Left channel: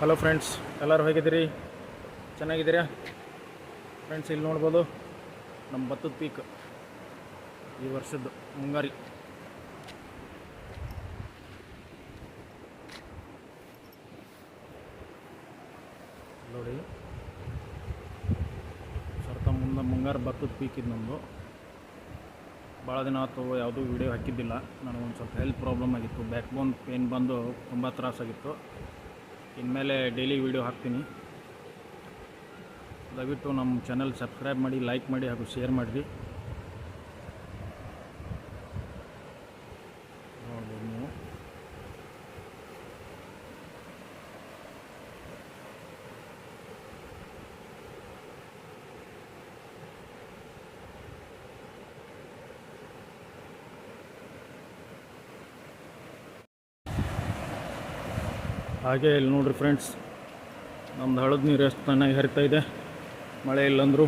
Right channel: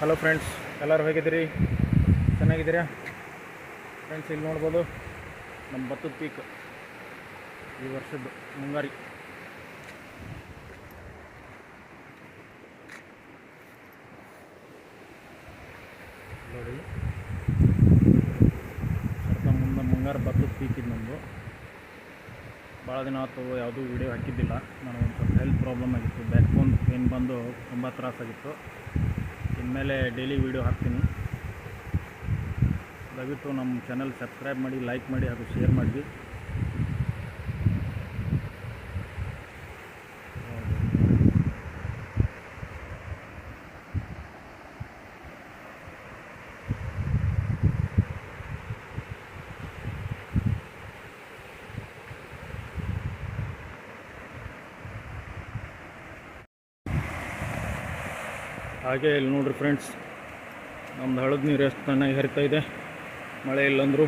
Hello friends, ಎಲ್ಲರೂ ಹೇಗಿದ್ದೀರಿ? ಚೆನ್ನಾಗಿದ್ದೀರಾ ಫ್ರೆಂಡ್ಸ್? ಇಲ್ಲಿ ನೋಡ್ಬೋದು ನಮ್ಮ ಭತ್ತದ ಪೀಕ್ ಈ ವರ್ಷದ್ದು ಮುಂಗಾರಿ. ನೋಡಿ ಸ್ವಲ್ಪ ಮುಂಗಾರು ಭತ್ತದ ಪೀಕ್ ಇದು ನಮ್ಮದು. ಭಾಳ ದಿನ ಆಯ್ತು ಯಾವುದೂ ವಿಡಿಯೋ ಹಾಕಿದ್ದಿಲ್ಲ. ನನಗೆ ಒಂದು ಸ್ವಲ್ಪ ಹೆಲ್ತ್ ಪ್ರಾಬ್ಲಮ್ ಆಗಿತ್ತು, ಬ್ಯಾಕ್ ಬೋನ್ ಪೇನ್ ಬಂದು ತುಂಬ ತ್ರಾಸಾಗಿತ್ತು. ಇನ್ಮೇಲೆ ಡೈಲಿ ವೀಡಿಯೋ ಹಾಕ್ತೀನಿ. ದಯವಿಟ್ಟು ನಮ್ಮ ಚಾನಲ್ ಸಬ್ಸ್ಕ್ರೈಬ್ ಮಾಡಿ, ಲೈಕ್ ಮಾಡಿ ಹಾಗೂ ಶೇರ್ ಮಾಡಿ. ಹಾಗೆ ಇಲ್ಲಿ ನೋಡ್ರಿ ಫ್ರೆಂಡ್ಸ್, ನಮ್ಮದು ಹಳದ ನೀರು ಎಷ್ಟು ಚೆನ್ನಾಗಿ ಹರಿತಾ ಇದೆ. ಮಳೆ ಇಲ್ಲಂದರೂ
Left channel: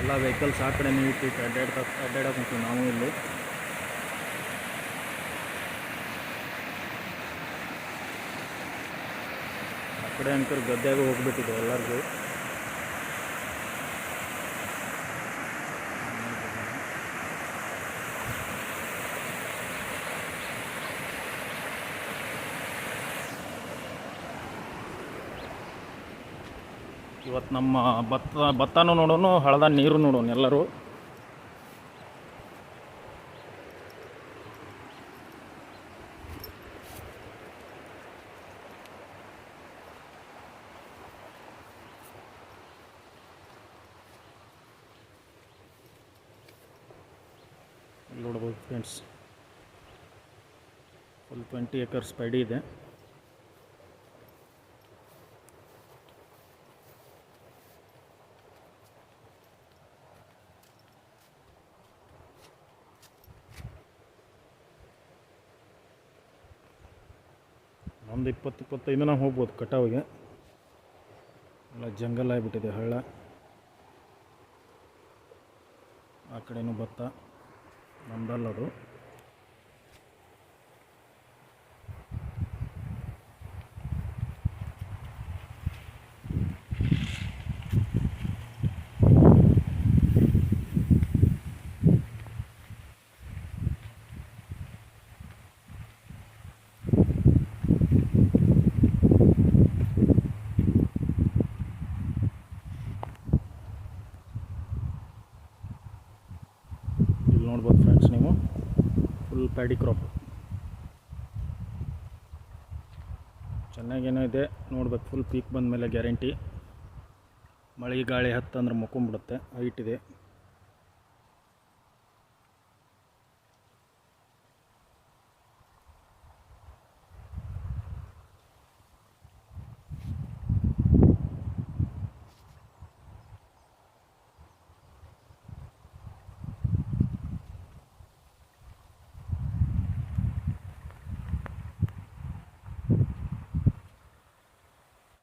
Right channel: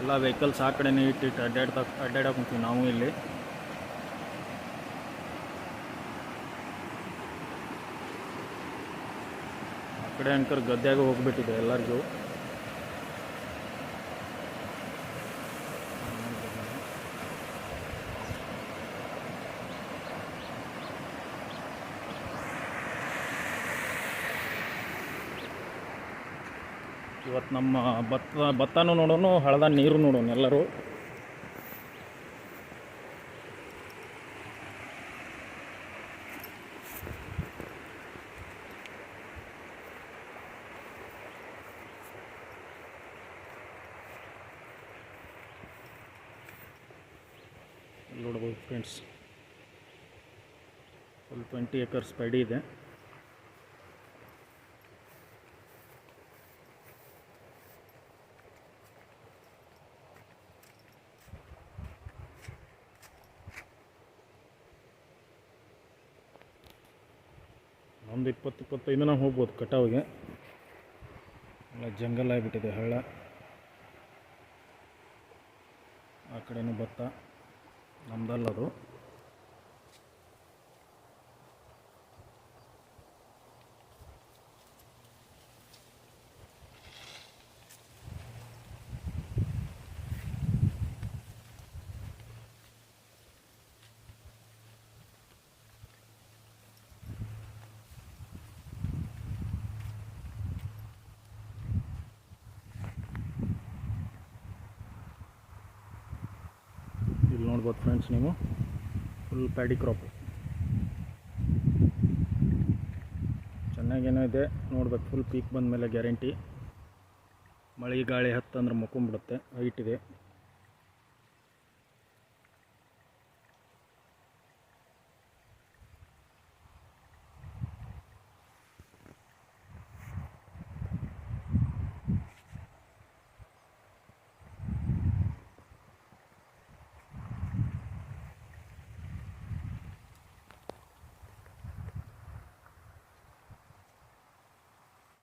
ಎಲ್ಲ ವೆಹಿಕಲ್ಸ್ ಆ ಕಡೆನೇ ಇಟ್ಟಿಟ್ಟು ಅಡ್ಡಾಡಕ್ಕೆ ಹೋಗ್ತೀವಿ ನಾವು. ಇಲ್ಲಿ ಆ ಕಡೆ ಅಂಕರ್ ಗದ್ದೆಯಾಗ ಹೋಗ್ಬಿಟ್ಟಿದೆ ಎಲ್ಲರಿಗೂ. ಇವತ್ತು ನಮ್ಮ ಭತ್ತನೂ ನೋಡೋಣ, ಹಳದ ನೀರು ನೋಡೋಣ ಎಲ್ಲರೂ. ನೋಡ್ಬೋದು ಫ್ರೆಂಡ್ಸ್, ಫುಲ್ 20 acres ಪೈಡಿ ಇದೆ. ಒಂದು 20-25 ದಿನ ಹೋಗ್ಬೋದು ಕಟಾವಿಗೆ. ಎಲ್ಲ ಜಂಗಲ್ ಆಗಿಬಿಟ್ಟಿದೆ, ಹಳ್ಳ. ಆ ಕಡೆನೂ ಭತ್ತ, ನಮ್ದಲ್ಲದು. ಇಲ್ಲಿ ನೋಡ್ಬೋದು ಫ್ರೆಂಡ್ಸ್, ನೀವು ಫುಲ್ ಪ್ಯಾಡಿ ಕ್ರಾಪ್ ಚೆನ್ನಾಗೇನೋ ಇದೆ. ನೋಡ್ಬೇಕು, ಫುಲ್ ಪೀಕ್ ಬಂದ ಮೇಲೆ ಗ್ಯಾರಂಟಿ. ಮಳೆ ಗಾಳಿ ಹತ್ತಂದ್ರೆ ಮುಕ್ಕೊಂಬಿಡುತ್ತೆ, ಹೈಟ್ ಇದೆ.